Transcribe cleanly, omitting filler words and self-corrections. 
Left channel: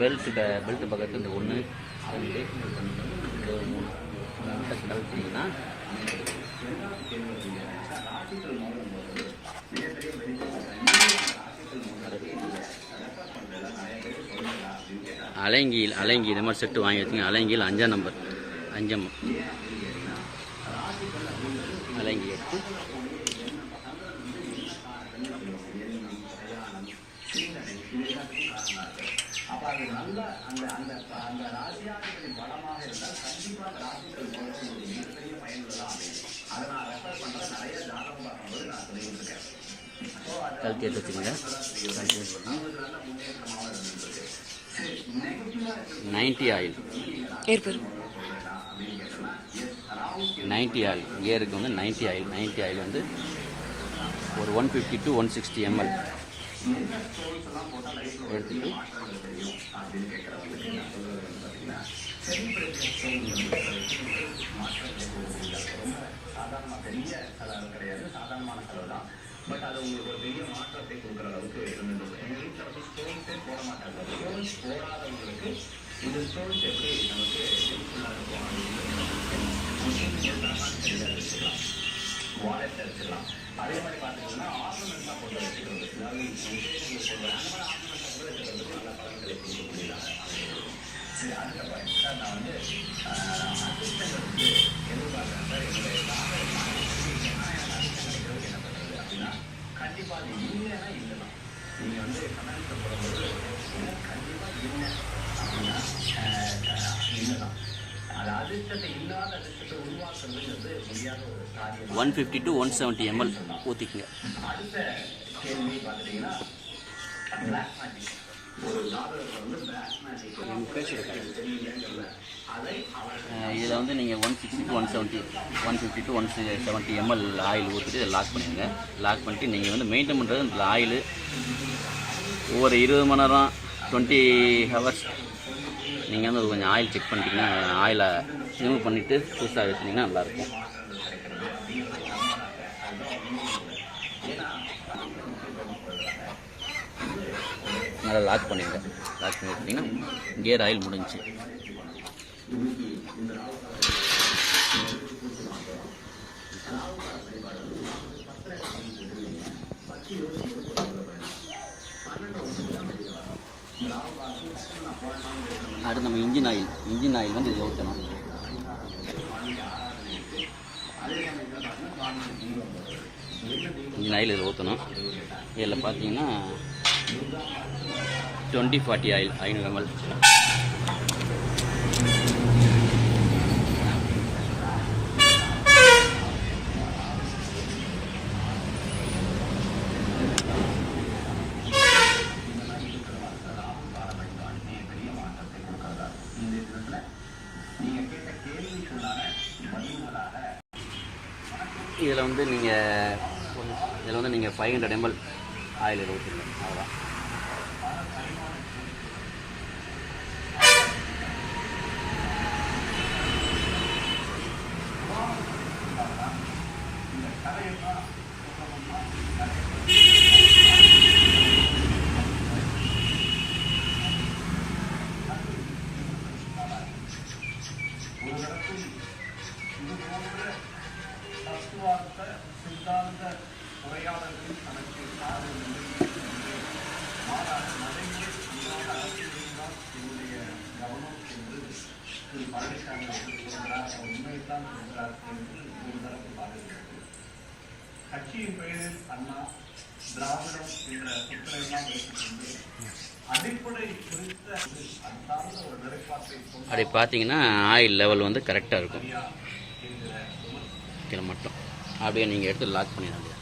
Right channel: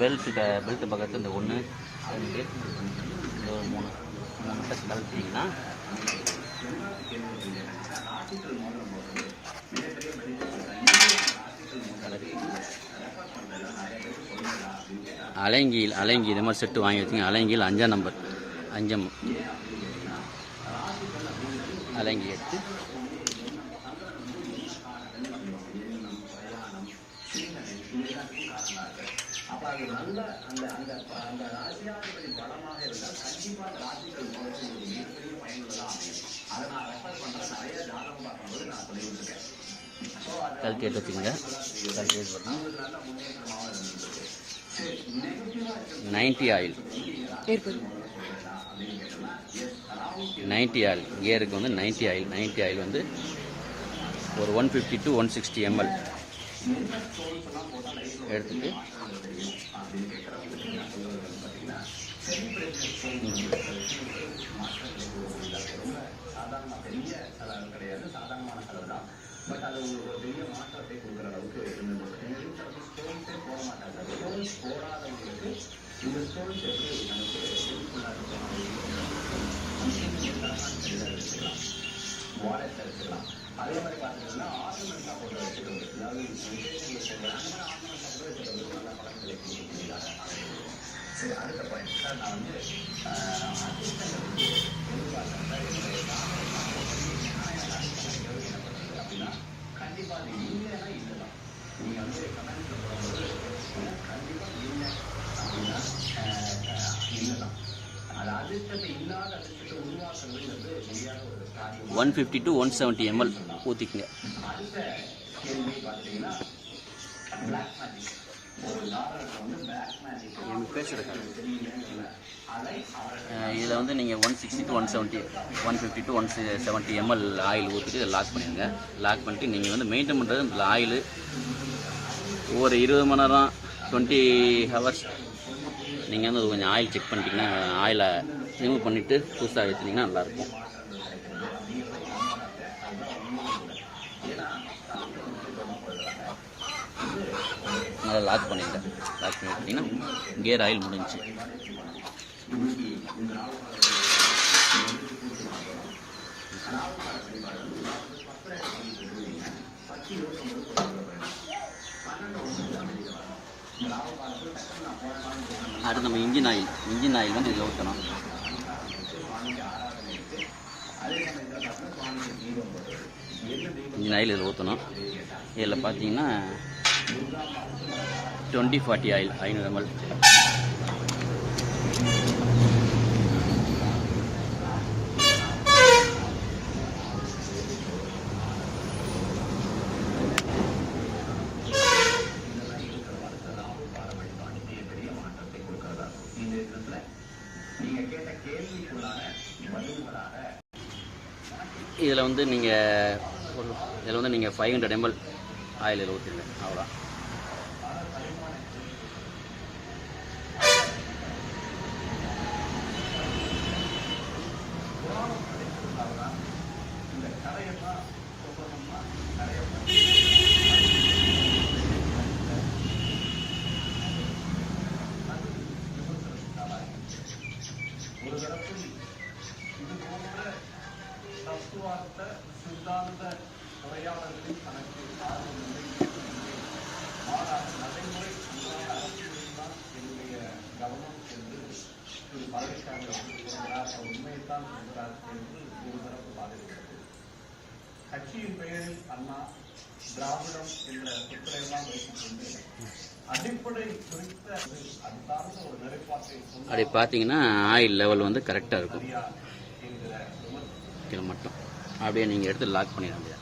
Belt பக்கத்தில் இந்த 1 2 இந்த 3 கழட்டிங்கன்னா அலங்கி இது மாதிரி செட்டு வாங்கி வச்சுங்க. அலங்கியில் 5ஆம் நம்பர் 5 அலங்கி எடுத்து கழட்டி எடுத்துக்கோங்க. 90 ஆயில் 90 ஆயில் கியருக்கு வந்து 90 ஆயில் வந்து ஒரு 150 to 160 ml எடுத்துட்டு பெரிய செலவு கிடையாது, சாதாரணமான செலவு தான். பட் அது உங்களுக்கு ஒரு பெரிய மாற்றத்தை கொடுக்குற அளவுக்கு எங்கள் வீட்டில் ஸ்டோன்ஸே போட மாட்டாங்க. ஸ்டோன்ஸ் போடாதவங்களுக்கு இந்த ஸ்டோன்ஸ் எப்படி நமக்கு யூஸ்ஃபுல்லாக இருக்கும் அப்படின்னு வாலெட்டில் வச்சுக்கலாம். அதே மாதிரி பார்த்துட்டோம்னா ஆர்னமெண்ட்ஸாக போட்டு வச்சுக்கிறது, அதாவது அந்த மாதிரி ஆர்னமெண்ட்ஸாக கூட வச்சுக்கிறது நல்ல பலன்களை கொடுக்கக்கூடியதாக சரி. அதுக்கப்புறம் சார் நான் வந்து அதிர்ஷ்டங்களுக்கு எதிர்பார்க்குறேன் சார். அப்படின்னா கண்டிப்பாக அது இல்லைன்னா இல்லை தான். நீங்கள் வந்து கமெண்ட் போடும்போது கண்டிப்பாக இல்லை அப்படின்னா இல்லை தான். அது அதிர்ஷ்டத்தை இல்லாத அதிர்ஷ்டத்தை உருவாக்குறது முடியாத ஒரு காரியம். 150 to 170 ml ஊற்றிக்குங்க. அடுத்த கேள்வி பார்த்துட்டிங்கன்னா பிளாக் மேஜிக். இதில் வந்து நீங்கள் 160 to 170 150 to 170 ml ஆயில் ஊற்றிட்டு இதை லாக் பண்ணிடுங்க. லாக் பண்ணிட்டு நீங்கள் வந்து மெயின்டைன் பண்ணுறது இந்த ஆயில் ஒவ்வொரு 20 மணி நேரம் 20 ஹவர்ஸ் நீங்கள் வந்து கொஞ்சம் ஆயில் செக் பண்ணிட்டீங்கன்னா ஆயிலை ரிமூவ் பண்ணிவிட்டு புதுசாக ஏற்றினீங்கன்னா நல்லாயிருக்கும். நல்லா லாக் பண்ணிடுங்க. லாக் பண்ணி எடுத்திங்கன்னா கியர் ஆயில் முடிஞ்சு. அடுத்து நம்ம இன்ஜின் ஆயில் வந்து இதில் ஊற்றணும். இன்ஜின் ஆயில் இதில் ஊற்றணும். இதில் பார்த்தீங்கன்னா 2040 ஆயில் 500 ml. இதில் வந்து நீங்கள் 500 ml ஆயில் ஊற்றுங்க. அவ்வளோதான். சித்தாந்த உரையாடல்கள் தனக்கு என்னுடைய கவனம் என்று பழனிசாமி சொல்கிறார். உண்மையைத்தான் சொல்கிறார் என்று ஒரு தரப்பு பாடுகிறது. கட்சியின் பெயரில் அண்ணா திராவிடம் என்ற சொற்களையெல்லாம் வைத்துக்கொண்டு அடிப்படை குறித்த அது சார்ந்த ஒரு நிலைப்பாட்டை அப்படி பார்த்தீங்கன்னா ஆயில் லெவல் வந்து கரெக்டாக இருக்கும். இதில் மட்டும் அப்படியே நீங்கள் எடுத்து லாக் பண்ணிட வேண்டியது.